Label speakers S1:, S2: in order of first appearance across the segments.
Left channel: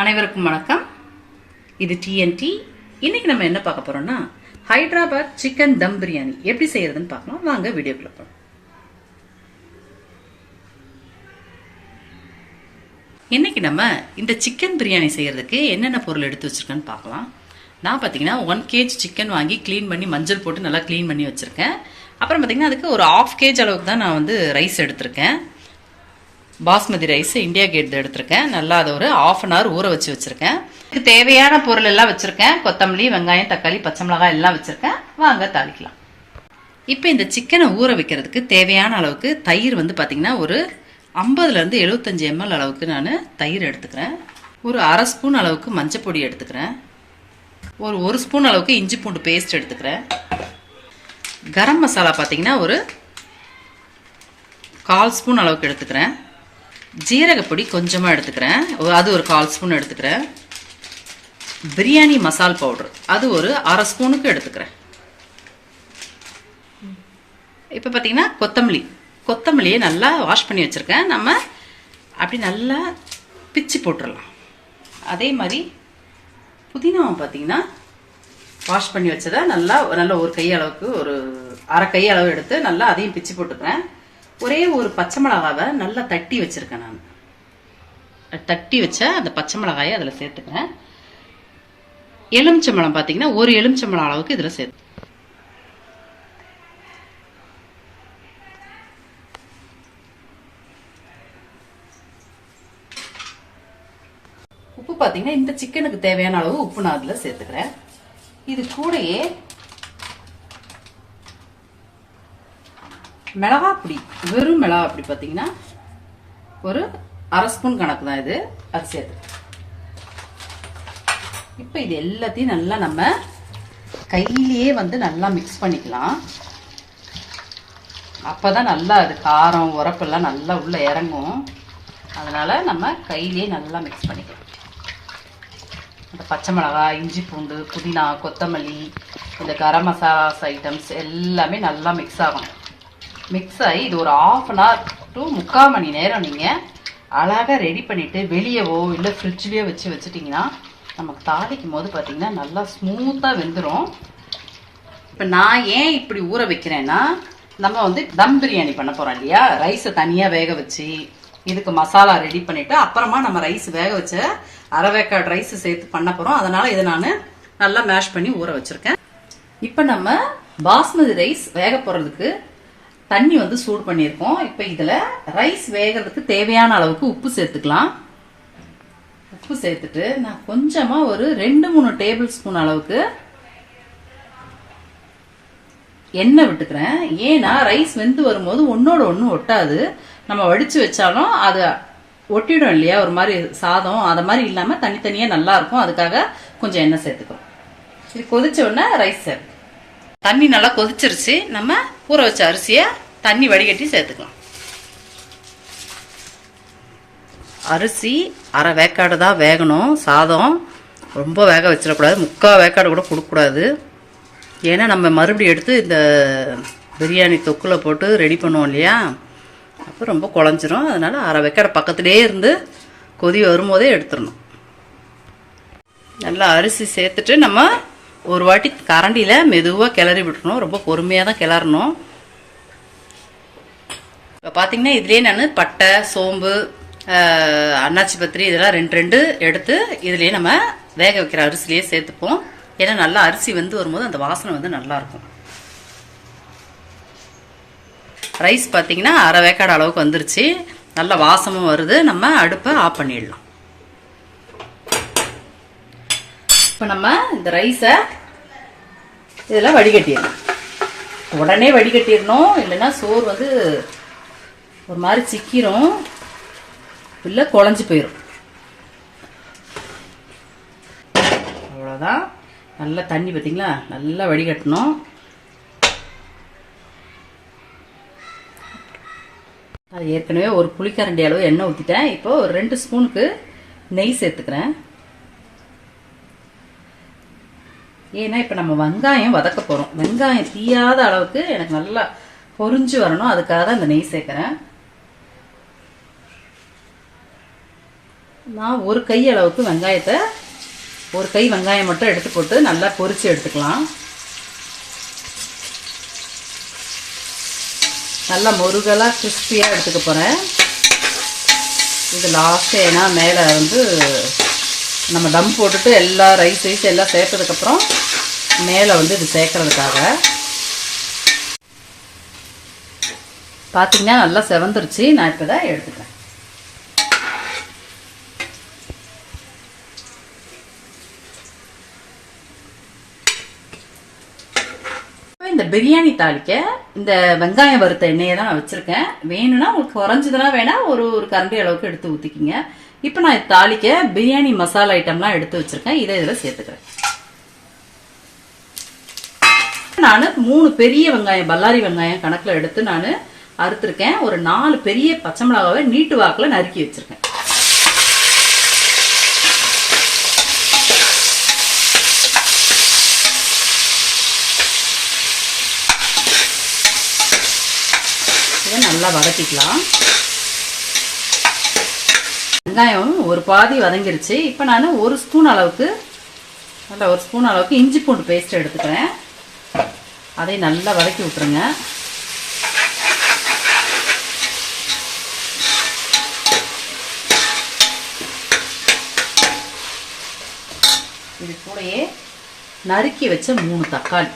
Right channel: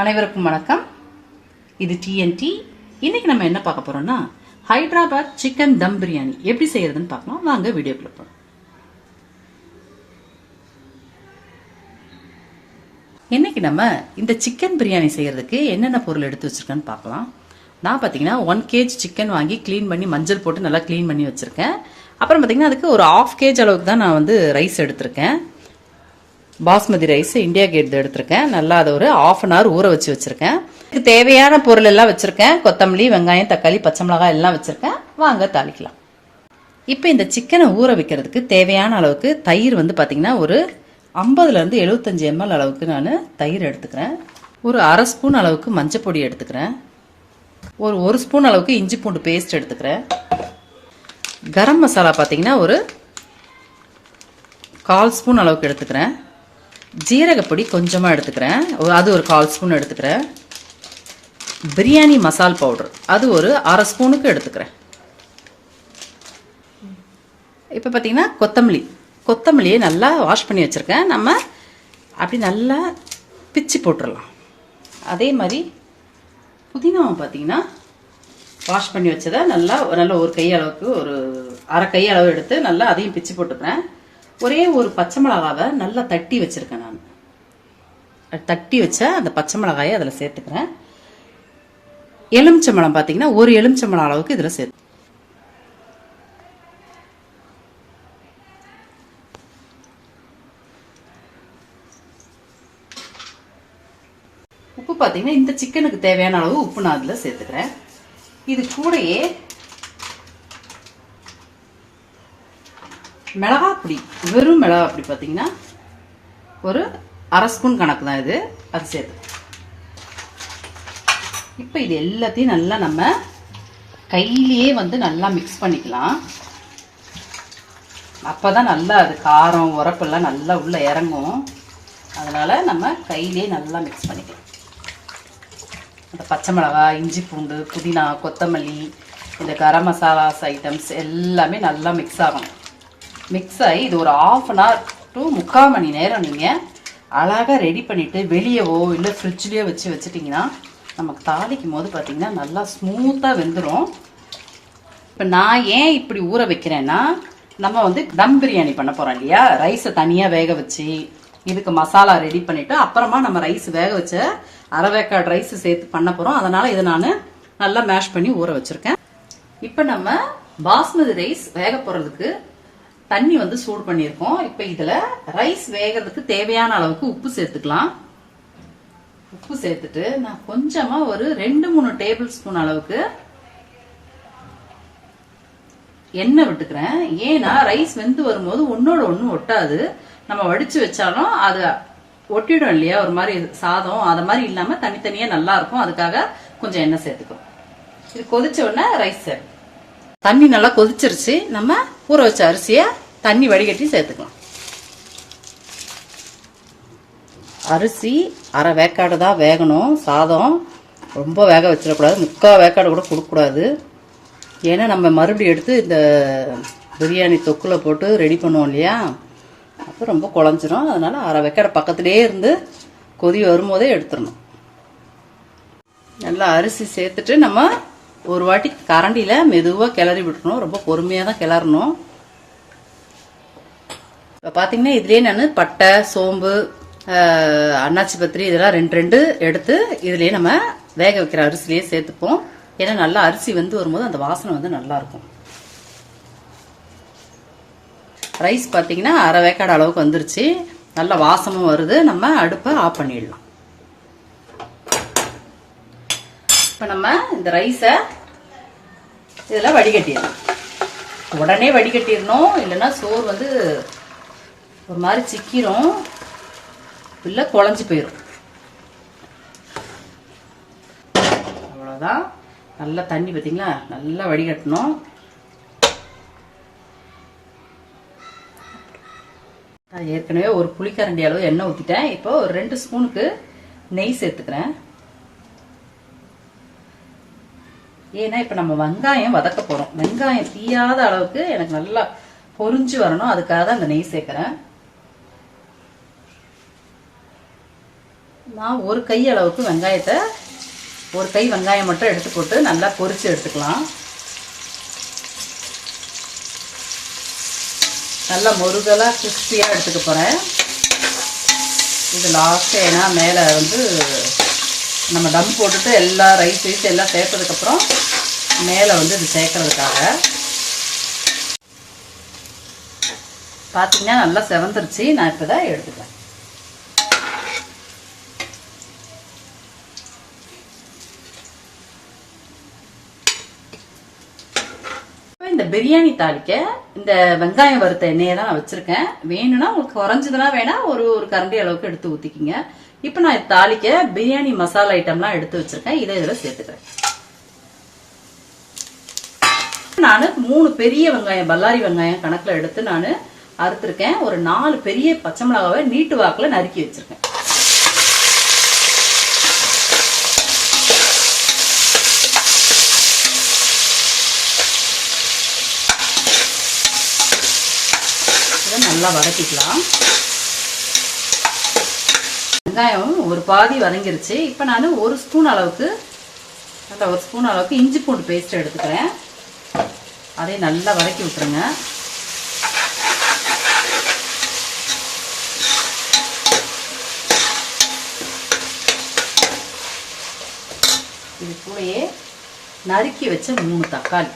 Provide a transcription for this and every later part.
S1: அனைவருக்கும் வணக்கம். இது டிஎன்டி இன்னைக்கு நம்ம என்ன பார்க்க போறோம்னா ஹைதராபாத் சிக்கன் தம் பிரியாணி எப்படி செய்யறதுன்னு பார்க்கலாம் வாங்க வீடியோக்குள்ள போகலாம் இன்னைக்கு நம்ம இந்த சிக்கன் பிரியாணி செய்யறதுக்கு என்னென்ன பொருள் எடுத்து வச்சிருக்கேன்னு பார்க்கலாம். நான் பார்த்தீங்கன்னா ஒன் கேஜ் சிக்கன் வாங்கி க்ளீன் பண்ணி மஞ்சள் போட்டு நல்லா க்ளீன் பண்ணி வச்சிருக்கேன். அப்புறம் பார்த்தீங்கன்னா அதுக்கு ஒரு ஆஃப் கேஜ் அளவுக்கு தான் நான் வந்து ரைஸ் எடுத்திருக்கேன். பாஸ்மதி ரைஸ் இந்தியா கேட் எடுத்திருக்கேன். நல்லா அதை ஒரு ஆஃப் அன் ஹவர் ஊற வச்சு வச்சிருக்கேன். இதுக்கு தேவையான பொருள் எல்லாம் வச்சிருக்கேன். கொத்தமல்லி வெங்காயம் தக்காளி பச்சை மிளகாய் எல்லாம் வச்சிருக்கேன். வாங்க தாளிக்கலாம். இப்போ இந்த சிக்கனை ஊற வைக்கிறதுக்கு தேவையான அளவுக்கு தயிர் வந்து பார்த்தீங்கன்னா ஒரு ஐம்பதுலேருந்து எழுபத்தஞ்சி எம்எல் அளவுக்கு நான் தயிர் எடுத்துக்கிறேன். ஒரு அரை ஸ்பூன் அளவுக்கு மஞ்சள் பொடி எடுத்துக்கிறேன். ஒரு ஒரு ஸ்பூன் அளவுக்கு இஞ்சி பூண்டு பேஸ்ட் எடுத்துக்கிறேன். கரம் மசாலா பார்த்தீங்கன்னா ஒரு கால் ஸ்பூன் அளவுக்கு எடுத்துக்கிறேன். ஜீரகப்பொடி கொஞ்சமாக எடுத்துக்கிறேன். அது ஒரு கால் ஸ்பூன் எடுத்துக்கிறேன். பிரியாணி மசால் பவுடர். அது ஒரு அரை ஸ்பூனுக்கு எடுத்துக்கிறேன். இப்போ பார்த்தீங்கன்னா கொத்தமல்லி. கொத்தமல்லியை நல்லா வாஷ் பண்ணி வச்சுருக்கேன். நம்ம அப்படி நல்லா பிச்சு போட்டுடலாம் அதே மாதிரி புதினாவை பார்த்தீங்கன்னா வாஷ் பண்ணி வச்சதை நல்லா நல்ல ஒரு கையளவுக்கு ஒரு அரை கை அளவு எடுத்து நல்லா அதையும் பிச்சு போட்டுக்கிறேன். ஒரே ஒரு பச்சை மிளகாவை நல்லா தட்டி வச்சிருக்கேன் நான். தட்டி வச்ச அந்த பச்சை மிளகாயை அதில் சேர்த்துக்கிறேன். எலுமிச்சம்பழம் பார்த்தீங்கன்னா ஒரு எலுமிச்சம்பழம் அளவுக்கு இதில் சேர்த்து உப்பு பார்த்தீங்கன்னா இந்த சிக்கனுக்கு தேவையான அளவு உப்பு நான் அதில் சேர்த்துக்கிறேன். இது கூடயே மிளகாப்பொடி வெறும் மிளகாப்பொடி பார்த்தீங்கன்னா ஒரு அரை ஸ்பூன் கணக்கு தான் இது அது சேர்த்து இப்போ இது எல்லாத்தையும் நல்லா நம்ம கையிலேயே வந்து நல்லா மிக்ஸ் பண்ணிக்கலாம். அப்போ தான் நல்லா அது காரம் உரப்பெல்லாம் நல்லா உள்ளே இறங்கும். அதனால் நம்ம கையிலேயே நல்லா மிக்ஸ் பண்ணிக்கலாம். இந்த பச்சை மிளகாய் இஞ்சி பூண்டு புதினா கொத்தமல்லி இந்த கரம் மசாலாஸ் ஐட்டம்ஸ் எல்லாமே நல்லா மிக்ஸ் ஆகணும். மிக்ஸ் ஆகி இது ஒரு ஆஃப் அன் ஹவர் டு முக்கால் மணி நேரம் நீங்கள் அழகாக ரெடி பண்ணிவிட்டு வெளியவோ இல்லை ஃப்ரிட்ஜ்லேயோ வச்சு வச்சுட்டிங்கன்னா நமக்கு தாளிக்கும் போது பார்த்திங்கன்னா நல்லா ஸ்மூத்தாக வெந்துடும் இப்போ நான் ஏன் இப்படி ஊற வைக்கிறேன்னா நம்ம வந்து தம் பிரியாணி பண்ண போகிறோம் இல்லையா? ரைஸை தனியாக வேக வச்சு இதுக்கு மசாலா ரெடி பண்ணிவிட்டு அப்புறமா நம்ம ரைஸ் வேக வச்ச அரைவேக்காடு ரைஸ் சேர்த்து பண்ண போகிறோம் அதனால் இதை நான் நல்லா மேஷ் பண்ணி ஊற வச்சுருக்கேன். இப்போ நம்ம பாஸ்மதி ரைஸ் வேக போகிறதுக்கு தண்ணி வந்து சூடு பண்ணியிருக்கோம். இப்போ இதில் ரைஸ் வேகிறதுக்கு தேவையான அளவுக்கு உப்பு சேர்த்துக்கலாம். உப்பு சேர்த்துட்டு நான் கொஞ்சமாக ஒரு ரெண்டு மூணு டேபிள் ஸ்பூன் அளவுக்கு எண்ணெய் விட்டுக்கிறேன். ஏன்னா ரைஸ் வெந்து வரும்போது ஒன்னோட ஒன்று ஒட்டாது. நம்ம வடித்து வச்சாலும் அது ஒட்டிடும் இல்லையா? ஒரு மாதிரி சாதம் அது மாதிரி இல்லாமல் தனித்தனியாக நல்லா இருக்கும். அதுக்காக கொஞ்சம் எண்ணெய் சேர்த்துக்கிறோம். இது கொதிச்ச உடனே ரைஸ் சேர்த்து தண்ணி நல்லா கொதிச்சிருச்சு. நம்ம ஊற வச்ச அரிசியை தண்ணி வடிகட்டி சேர்த்துக்கலாம். அரிசி அரை வேக்காடு தான் வேகணும். சாதம் ரொம்ப வேக வச்சிடக்கூடாது. முக்கால் வேக்காடு கூட கொடுக்கக்கூடாது. ஏன்னா நம்ம மறுபடியும் எடுத்து இந்த பிரியாணி தொக்கில் போட்டு ரெடி பண்ணுவோம் இல்லையா? அப்போ ரொம்ப குழஞ்சிரும். அதனால் அரை வேக்காடு பக்கத்துலேயே இருந்து கொதி வரும்போதே எடுத்துடணும். நல்லா அரிசி சேர்த்துட்டு நம்ம ஒரு வாட்டி கரண்டியில் மெதுவாக கிளறி விட்டுணும் ரொம்ப பொறுமையாக தான் கிளறணும். இப்போ பார்த்தீங்கன்னா இதுலேயே நான் பட்டை சோம்பு அன்னாச்சி பத்திரி இதெல்லாம் ரெண்டு ரெண்டு எடுத்து இதுலேயே நம்ம வேக வைக்கிற அரிசிலேயே சேர்த்துப்போம். ஏன்னா நல்லா அரிசி வந்து வரும்போது அந்த வாசனை வந்து நல்லாயிருக்கும் ரைஸ் பார்த்தீங்கன்னா அரை வேக்காடு அளவுக்கு வந்துருச்சு. நல்ல வாசமும் வருது. நம்ம அடுப்பை ஆஃப் பண்ணிடலாம். இப்போ நம்ம இந்த ரைஸை இதில் வடிகட்டிடணும். உடனே வடிகட்டிடணும். இல்லைன்னா சோறு வந்து ஒரு மாதிரி சிக்கிரும். இல்லை குழஞ்சி போயிடும் அவ்வளோதான் நல்லா தண்ணி பார்த்தீங்களா நல்லா வடிகட்டணும். ஏற்கனவே ஒரு புளிக்கரண்டி அளவு எண்ணெய் ஊற்றிட்டேன் இப்போ ஒரு ரெண்டு ஸ்பூனுக்கு நெய் சேர்த்துக்கிறேன். ஏன்னா இப்போ நம்ம வெங்காயம் வதக்க போகிறோம் வெங்காயம் தீயாத அளவுக்கு எனக்கு நல்லா பொரிஞ்சு வரணும். அதுக்காக தான் அந்த நெய் சேர்க்குறேன். நான் ஒரு கை அளவுக்கு வெங்காயத்தை ஒரு கை வெங்காயம் மட்டும் எடுத்து போட்டு நல்லா பொரித்து எடுத்துக்கலாம். நல்லா முருகலாக கிறிஸ்பியாக எடுத்துக்க போகிறேன் இது லாஸ்ட்டு ஏன்னா மேலே வந்து நம்ம தம் போட்டுட்டு எல்லா ரைஸ் ரைஸ் எல்லாம் சேர்த்ததுக்கப்புறம் மேலே வந்து இது சேர்க்கறதுக்காக. பார்த்தீங்கன்னா நல்லா செவந்துருச்சு. நான் இப்போ தான் எடுத்துக்கிறேன். இந்த பிரியாணி தாளிக்க இந்த வெங்காயம் வறுத்த எண்ணெயை தான் நான் வச்சிருக்கேன். வேணும்னா உங்களுக்கு குறைஞ்சதுனா வேணா ஒரு ஒரு கரண்டி அளவுக்கு எடுத்து ஊத்திக்கிங்க. இப்போ நான் தாளிக்க பிரியாணி மசாலா ஐட்டம்லாம் எடுத்து வச்சிருக்கேன். இதை இதில் சேர்த்துக்கிறேன். நான் மூணு பெரிய வெங்காயம் பல்லாரி வெங்காயம் கணக்கில் எடுத்து நான் அறுத்துருக்கேன். ஒரு நாலு பெரிய பச்சை மிளகாவை நீட்டு வாக்கில் நறுக்கி வச்சிருக்கேன். இதை நல்லா வதக்கிக்கலாம். வெங்காயம் ஒரு பாதி வதங்கிருச்சு. இப்போ நான் ஒரு ஸ்பூன் அளவுக்கு நல்ல ஒரு ஸ்பூன் அளவுக்கு இஞ்சி பூண்டு பேஸ்ட் எடுத்துக்கிறேன். அதை நல்லா வதக்கி விட்டுருங்க இது கூடயே நறுக்கி வச்ச மூணு தக்காளி.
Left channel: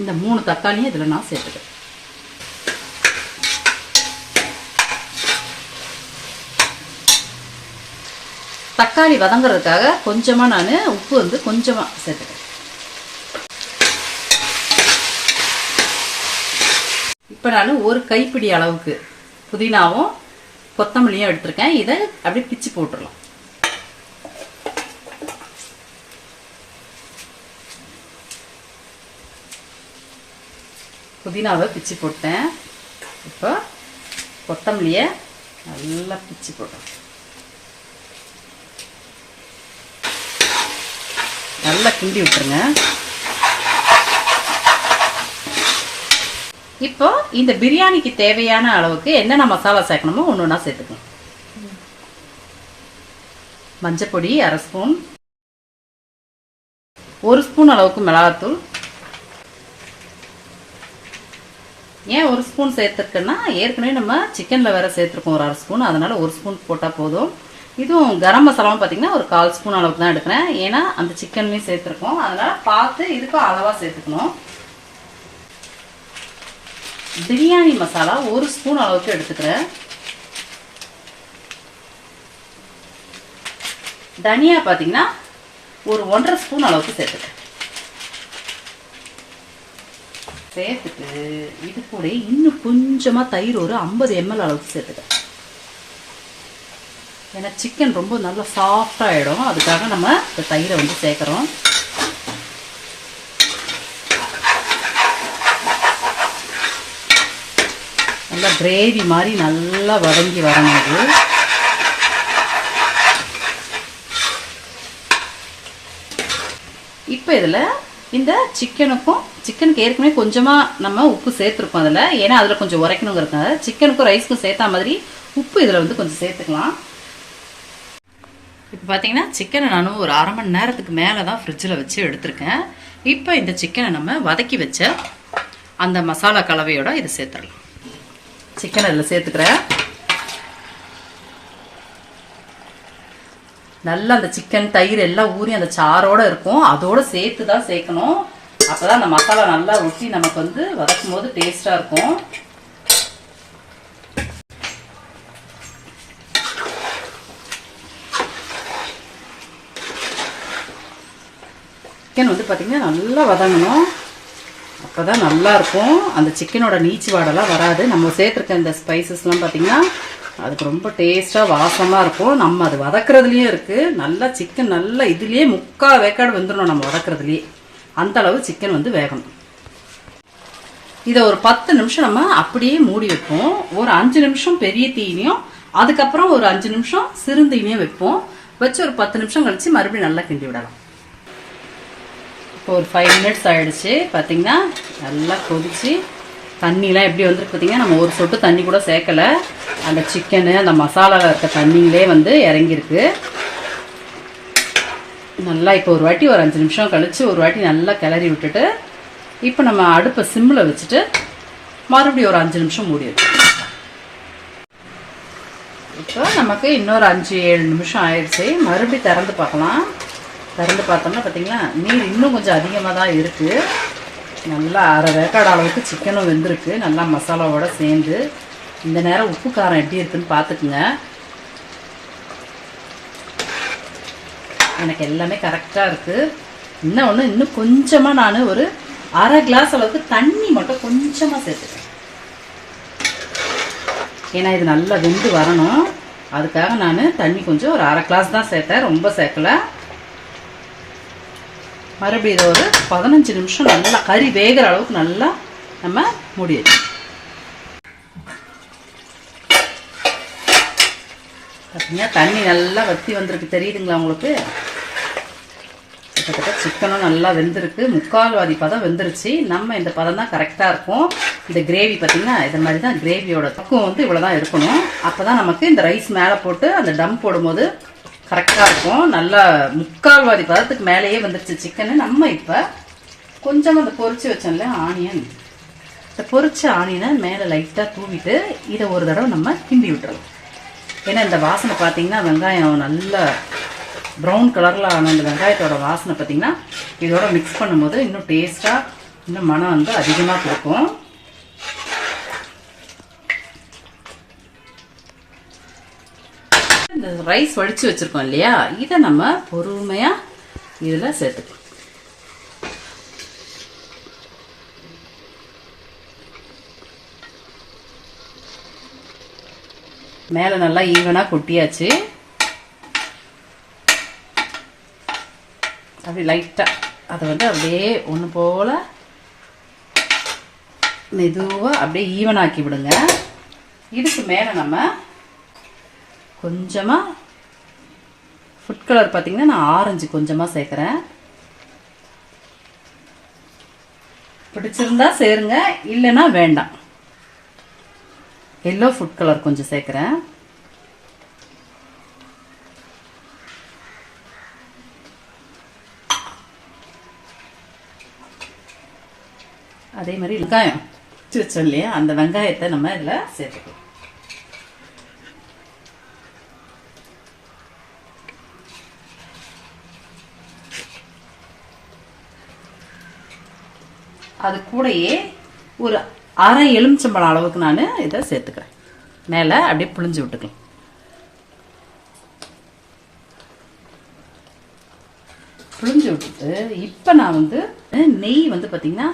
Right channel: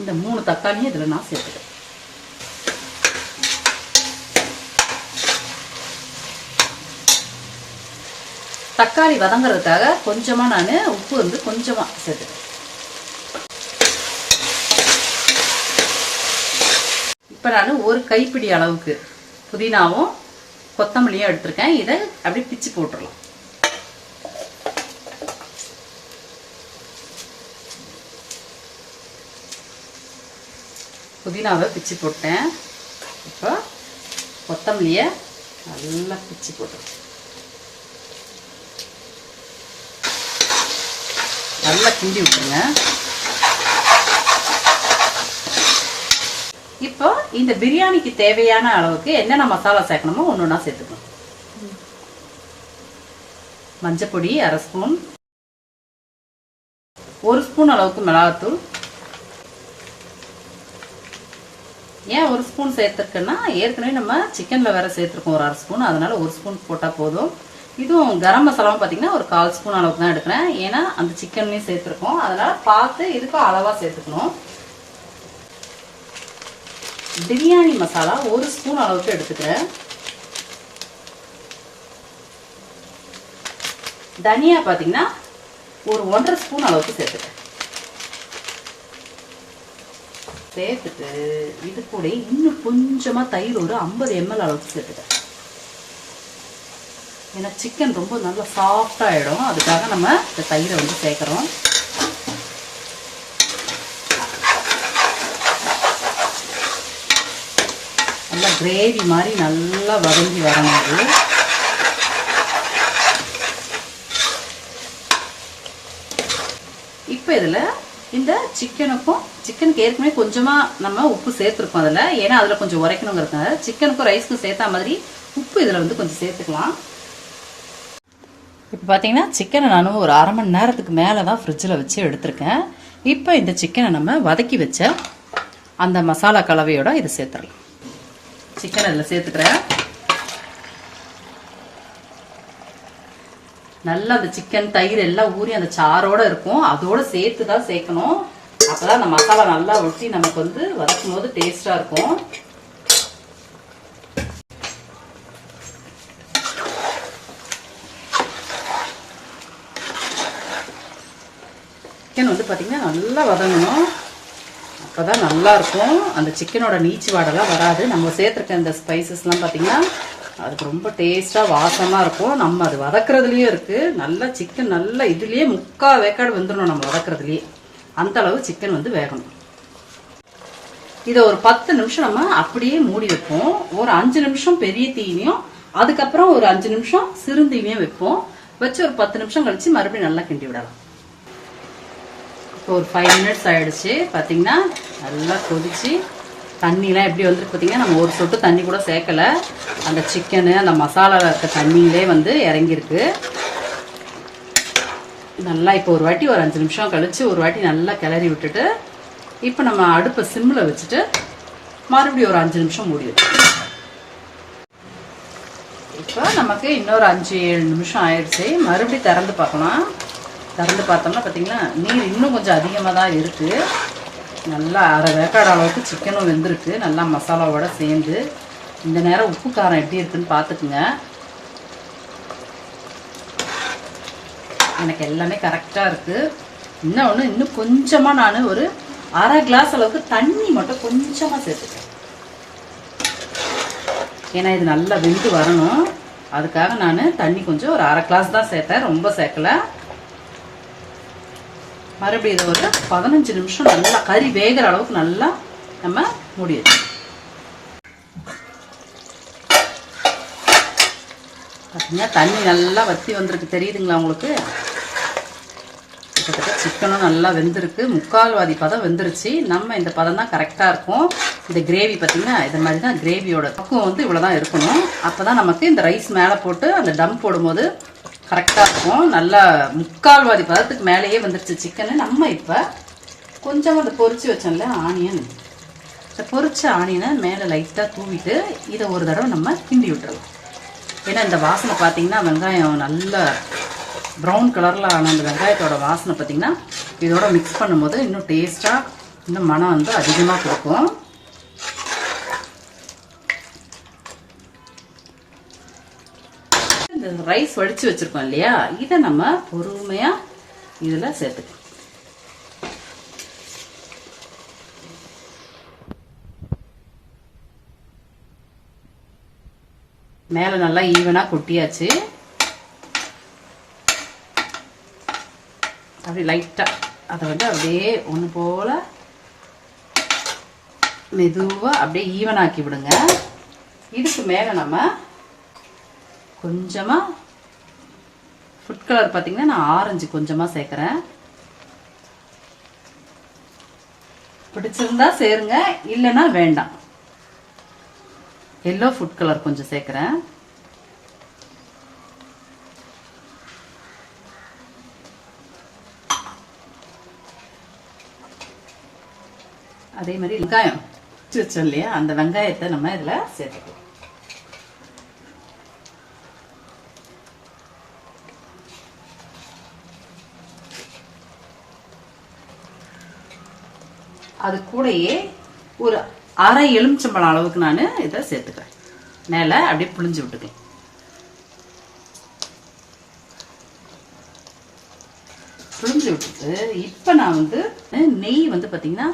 S1: இந்த மூணு தக்காளியும் இதில் நான் சேர்த்துக்கிறேன். தக்காளி வதங்குறதுக்காக கொஞ்சமாக நான் உப்பு வந்து கொஞ்சமாக சேர்த்துக்கிறேன். இப்போ நான் ஒரு கைப்பிடி அளவுக்கு புதினாவும் கொத்தமல்லியும் எடுத்திருக்கேன். இதை அப்படியே பிச்சு போட்டுடலாம். புதினாவை பிச்சு போட்டேன். இப்போ கொத்தமல்லியை நல்லா பிச்சு போட்டுருக்கேன் நல்லா கிண்டி விட்டுருங்க. இப்போ இந்த பிரியாணிக்கு தேவையான அளவுக்கு என்னென்ன மசாலா சேர்க்கணுமோ ஒன்று ஒன்றா சேர்த்துக்கணும் மஞ்சப்பொடி அரை ஸ்பூன். ஒரு ஸ்பூன் அளவுக்கு மிளகாத்தூள். ஏன் ஒரு ஸ்பூன் சேர்த்துருக்கேன்னா ஏற்கனவே நம்ம சிக்கனில் வேற சேர்த்துருக்கோம் ஒரு அரை ஸ்பூன். அதனால ஒரு ஸ்பூன் போட்டால் போதும். இதுவும் கரம் மசாலாவும் பார்த்தீங்கன்னா ஒரு கால் ஸ்பூன் அளவுக்கு தான் எடுக்கிறேன். ஏன்னா அந்த சிக்கனுமே சேர்த்துருக்கோம். அதனால பார்த்து இதுக்கும் அளவாக சேர்த்துக்கணும். பிரியாணி மசாலா ஒரு ஸ்பூன் அளவுக்கு எடுத்துக்கிறேன். தனியா பார்த்தீங்கன்னா ஒரு ஒன்றரை ஸ்பூன் அளவுக்கு சேர்த்துக்கிறேன். சேர்த்துட்டு இது கூட இன்னும் கொஞ்சமா தயிர் ஒரு ஐம்பது எம்எல் அளவுக்கு சேர்த்துக்கிறேன். ஏன்னா சிக்கன் ரொம்ப நல்லா சாஃப்ட் அதுக்காக நம்ம இந்த தயிரை வந்து சேர்க்குறோம். நல்லா கிரேவி மாதிரி நல்லா வதங்கி வரணும். அது இப்போ இதில் இந்த சிக்கனுக்கும் சிக்கனுக்கு ஏற்கனவே கொஞ்சமாக நம்ம உப்பு சேர்த்துருக்கோம் அதில். ஏன்னா அதில் கொஞ்சம் உரைக்கணுங்கிறதுனால சிக்கனுக்கும் ரைஸ்க்கும் சேர்த்தா மாதிரி உப்பு இதில் வந்து கொஞ்சம் சேர்த்துக்கலாம். இப்போ பார்த்தீங்கன்னா சிக்கனை நான் ஒரு அரை மணி நேரத்துக்கு மேலே தான் ஃப்ரிட்ஜில் வச்சு எடுத்திருக்கேன். இப்போ இந்த சிக்கனை நம்ம வதக்கி வச்ச அந்த மசாலா கலவையோட இது சேர்த்துடலாம். சிக்கன் அதில் சேர்த்துக்கிறேன். நல்லா அந்த சிக்கன் தயிர் எல்லாம் ஊறி அந்த சாரோட இருக்கும். அதோட சேர்த்து தான் சேர்க்கணும். அப்பதான் அந்த மசாலா நல்லா ஒட்டி நமக்கு வந்து வதக்கும் போது டேஸ்டா இருக்கும். சிக்கன் வந்து பார்த்தீங்கன்னா நல்லா வதங்கணும். அப்பதான் நல்லா இருக்கும் அந்த சிக்கனோட நீச்சு வாடெல்லாம் வராது. நம்ம சேர்த்துருக்க இந்த ஸ்பைசஸ்லாம் பார்த்தீங்கன்னா அதுக்கு ரொம்ப டேஸ்ட்டாக வாசமாக இருக்கும். நம்ம அது வதக்குறதுலயே இருக்குது நல்லா சிக்கன் நல்லா இதுலேயே முக்கால் வேக்காடு வந்துடணும் நம்ம வதக்குறதுலயே. அந்த அளவு சிக்கன் வந்து வேகணும். இதை ஒரு பத்து நிமிஷம் நம்ம அப்படியே மூடி வைப்போம். ஒரு அஞ்சு நிமிஷம் பெரிய தீனியும் அதுக்கப்புறம் ஒரு அஞ்சு நிமிஷம் சிறுந்தீனியும் வைப்போம். வச்சு ஒரு பத்து நிமிஷம் கழிச்சு மறுபடியும் நல்லா கிண்டி விடலாம். இப்போ ஒரு ஃபைவ் மினிட்ஸ் ஆயிடுச்சு. பார்த்தீங்கன்னா நல்லா கொதிச்சு தண்ணிலாம் எப்படி வந்துருக்கு பார்த்தீங்கன்னா நம்ம ஒரு சொட்டு தண்ணி கூட சேர்க்கல. அந்த சிக்கனு அந்த மசாலாவில் இருக்க தண்ணியிலே வந்து இறங்கியிருக்கு. நல்லா இப்போ ஒரு வாட்டி ஒரு அஞ்சு நிமிஷம் கழித்து ஒரு வாட்டி நல்லா கிளறி விட்டுட்டு இப்போ நம்ம அடுப்பை சிம்மில் வச்சுட்டு மறுபடியும் ஒரு அஞ்சு நிமிஷம் மூடி இப்போ நமக்கு இன்னொரு அஞ்சு ஏழு நிமிஷம் ஆயிடுச்சு. மறுபடியும் திறந்து பார்க்கலாம். திறந்து பார்த்தோம்னா பார்த்திங்களா நீர் இன்னும் கொஞ்சம் அதிகமாக தான் இருக்குது நல்லா அரை வேக்காடு அளவுக்கு சிக்கனும் வெந்திருக்கு. நல்லா மசாலாவோட சேர்ந்து. இந்த நேரம் உப்பு காரம் எப்படி இருக்குன்னு பார்த்துக்குங்க. எனக்கு எல்லாமே கரெக்டாக இருக்குது இன்னும் ஒன்று இன்னும் கொஞ்சமாக நான் ஒரு அரை கிளாஸ் அளவுக்கு தண்ணி மட்டும் கொஞ்சமாக சேர்த்துக்கிறேன். ஏன்னா இது நல்லா வெந்து வரணும். அதுக்காக நான் தண்ணி கொஞ்சம் ஒரு அரை கிளாஸ் தான் சேர்த்தேன். ரொம்ப சேர்க்கல. மறுபடியும் இதை ஒரு பதினஞ்சு நிமிஷம் நல்லா கறி வேகிற அளவுக்கு நல்லா நம்ம முடியும் பார்த்தீங்கன்னா தண்ணி நல்லா வத்தி வந்திருக்கு. தெரியுதுங்களா உங்களுக்கு? கிட்டத்தட்ட சிக்கனும் நல்லா வெந்திருக்கு. முக்கால்வாதி பதம் வெந்துருச்சு. நம்ம இந்த பதம் தான் கரெக்டாக இருக்கும். இந்த கிரேவி பார்த்தீங்கன்னா இது மாதிரி தான் கிரேவியோட பக்குவம் வந்து இவ்வளோ தான் இருக்கணும். அப்போ தான் நமக்கு இந்த ரைஸ் மேலே போட்டு அந்த டம் போடும்போது கரெக்டாக இருக்கும். நல்லா முக்கால்வாதி பதத்துக்கு மேலேயே வந்துருச்சு சிக்கனு நம்ம இப்போ கொஞ்சம் அந்த பொறிச்சு வச்சோம்ல ஆனியன் இந்த பொறிச்ச ஆனியனை மேலே லைட்டாக தூவிட்டு இதை ஒரு தடவை நம்ம கிண்டி விட்டுறலாம். ஏன்னா இந்த வாசனை பார்த்தீங்கன்னா வெங்காயம் நல்லா ப்ரௌன் கலரில் ஆன அந்த வெங்காயத்தோட வாசனை பார்த்தீங்கன்னா இதோட மிக்ஸ் பண்ணும்போது இன்னும் டேஸ்ட்டாக இன்னும் மனம் வந்து அதிகமாக கொடுக்கும். ரைஸ் வடிச்சு வச்சிருக்கோம் இல்லையா? இதை நம்ம பொறுமையா இதுல சேர்த்துக்கலாம் மேல நல்லா ஈவனா கொட்டியாச்சு. அப்படி லைட்டா அதை வந்து அப்படியே ஒன்று போல மெதுவா அப்படியே ஈவனாக்கி விடுங்க. இதுக்கு மேல நம்ம கொஞ்சமாக ஃபுட் கலர் பார்த்தீங்கன்னா நான் ஆரஞ்சு கொஞ்சமாக சேர்க்குறேன். பிடிச்சிருந்தா சேருங்க இல்லைன்னா வேண்டாம். எல்லோ ஃபுட் கலர் கொஞ்சம் சேர்க்குறேன். அதே மாதிரி வெங்காயம். வச்சோம் இல்லையா? அந்த வெங்காயத்தை நம்ம இதில் சேர்த்துக்கலாம். அது கூடயே ஒரு அரை எலுமிச்சம்பழம் அளவுக்கு நான் இதை சேர்த்துக்கிறேன். மேலே அப்படியே புளிஞ்சு விட்டுக்கேன். புளிஞ்சு விட்டுட்டு இப்போ நான் வந்து நெய் வந்து பார்த்தீங்கன்னா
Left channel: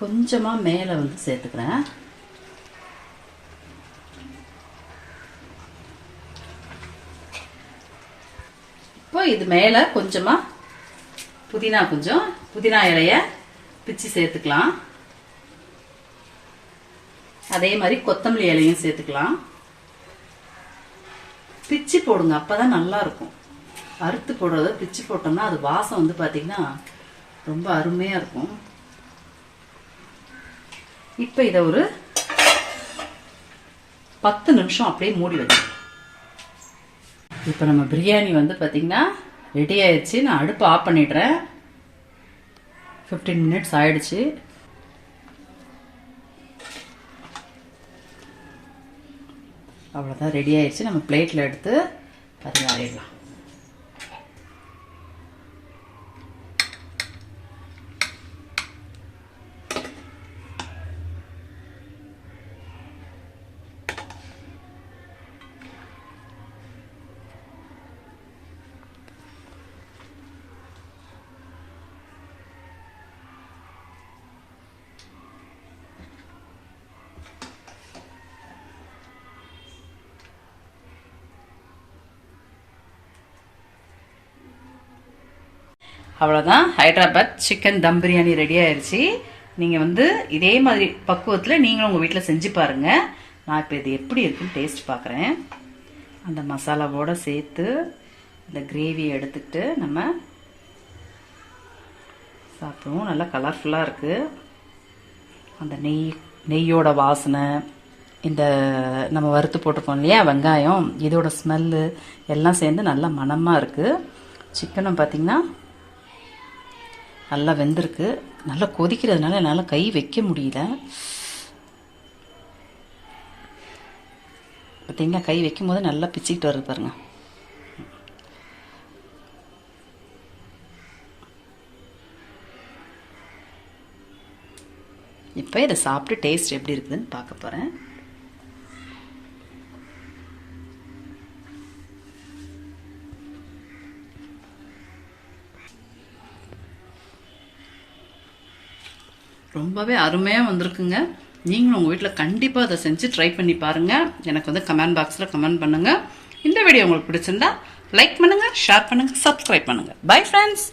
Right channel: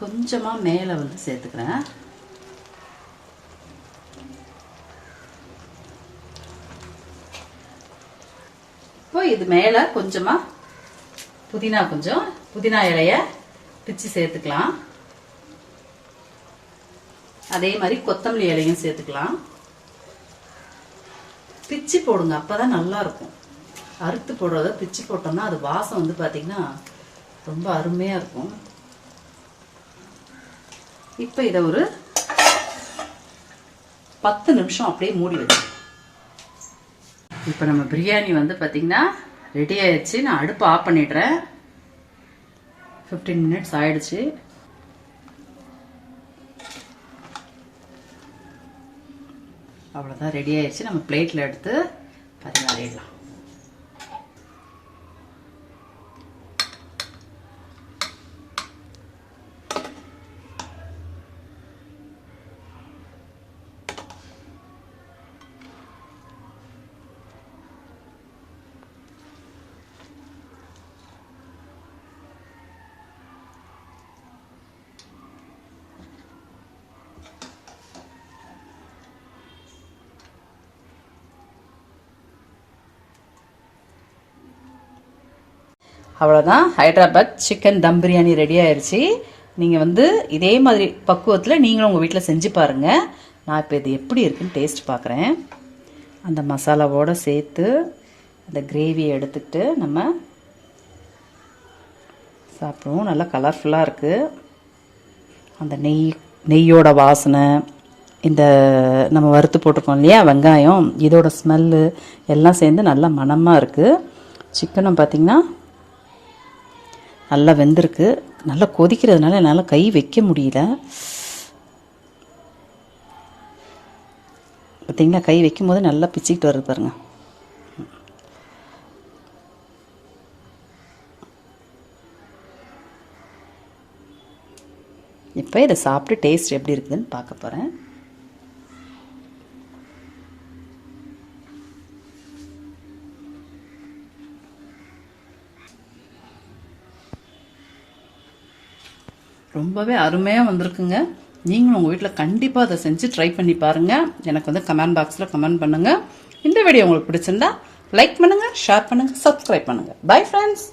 S1: கொஞ்சமாக மேலே வந்து சேர்த்துக்கிறேன். இப்போ இது மேலே கொஞ்சமாக புதினா கொஞ்சம் புதினா இலையை பிச்சு சேர்த்துக்கலாம். அதே மாதிரி கொத்தமல்லி இலையும் சேர்த்துக்கலாம். பிச்சு போடுங்க அப்பதான் நல்லா இருக்கும் அறுத்து போடுறத பிச்சு போட்டோம்னா அது வாசம் வந்து பாத்தீங்கன்னா ரொம்ப அருமையா இருக்கும். இப்ப இதை ஒரு பத்து நிமிஷம் அப்படியே மூடி வைக்கணும் இப்போ நம்ம பிரியாணி வந்து பாத்தீங்கன்னா ரெடி ஆயிடுச்சு. நான் அடுப்பு ஆஃப் பண்ணிடுறேன். ஃபிஃப்டீன் மினிட்ஸ் ஆயிடுச்சு. அவ்வளோதான் ரெடி ஆயிடுச்சு. நம்ம பிளேட்டில் எடுத்து பரிமாறிடலாம் அவ்வளோதான் ஹைதராபாத் சிக்கன் தம் பிரியாணி ரெடி ஆயிடுச்சு நீங்கள் வந்து இதே மாதிரி பக்குவத்தில் நீங்களும் உங்கள் வீட்டில் செஞ்சு பாருங்கள் நான் இப்போ இது எப்படி இருக்குன்னு டேஸ்ட் பார்க்குறேன் அந்த மசாலாவோடு சேர்த்து அந்த கிரேவியை எடுத்துக்கிட்டு நம்ம சாப்பிடுவோம். நல்லா கலர்ஃபுல்லாக இருக்குது அந்த நெய் நெய்யோட வாசனை இந்த நம்ம வறுத்து போட்டிருக்கோம் இல்லையா வெங்காயம் இதோட ஸ்மெல்லு எல்லாம் சேர்ந்து நல்லா மணமாக இருக்குது சிக்கனும் பார்த்திங்கன்னா நல்லா வெந்திருக்கு. நல்லா கொதிக்கிறதுனால என்னால் கை வைக்க முடியல. பார்த்தீங்களா கை வைக்கும் போது நல்லா பிச்சுக்கிட்டு வருது பாருங்க. இப்போ இதை சாப்பிட்டு டேஸ்ட் எப்படி இருக்குதுன்னு பார்க்க போகிறேன் ரொம்பவே அருமையாக வந்திருக்குங்க. நீங்களும் உங்கள் வீட்டில் கண்டிப்பாக அதை செஞ்சு ட்ரை பண்ணி பாருங்கள் எனக்கு வந்து கமெண்ட் பாக்ஸில் கமெண்ட் பண்ணுங்கள் இந்த வீடியோ உங்களுக்கு பிடிச்சிருந்தா லைக் பண்ணுங்கள் ஷேர் பண்ணுங்கள் சப்ஸ்கிரைப் பண்ணுங்கள் பை ஃப்ரெண்ட்ஸ்